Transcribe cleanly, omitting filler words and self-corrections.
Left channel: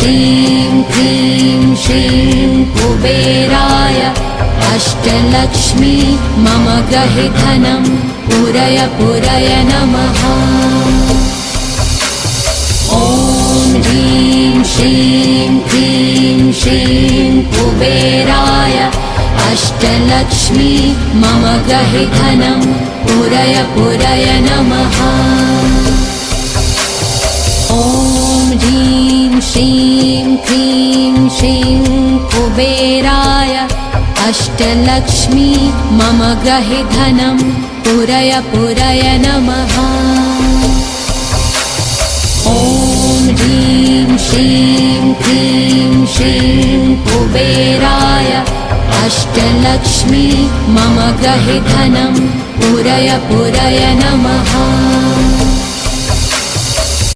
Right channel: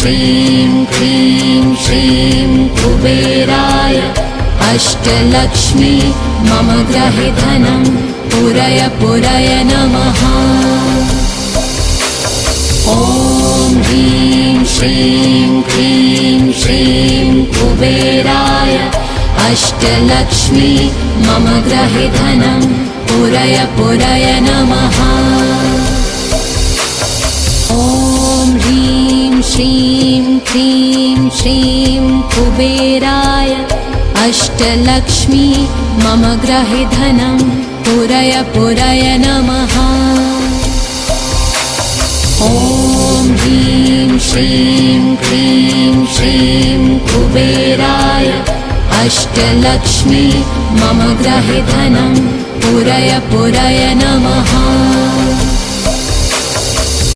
श्रीं क्लीं श्रीं कुबेराय अष्टलक्ष्मी मम गृहे धनं पूरय पूरय नमः। ॐ ह्रीं श्रीं क्लीं श्रीं कुबेराय अष्टलक्ष्मी मम गृहे धनं पूरय पूरय नमः। ॐ ह्रीं श्रीं क्लीं श्रीं कुबेराय अष्टलक्ष्मी मम गृहे धनं पूरय पूरय नमः। ॐ ह्रीं श्रीं क्लीं श्रीं कुबेराय अष्टलक्ष्मी मम गृहे धनं पूरय पूरय नमः।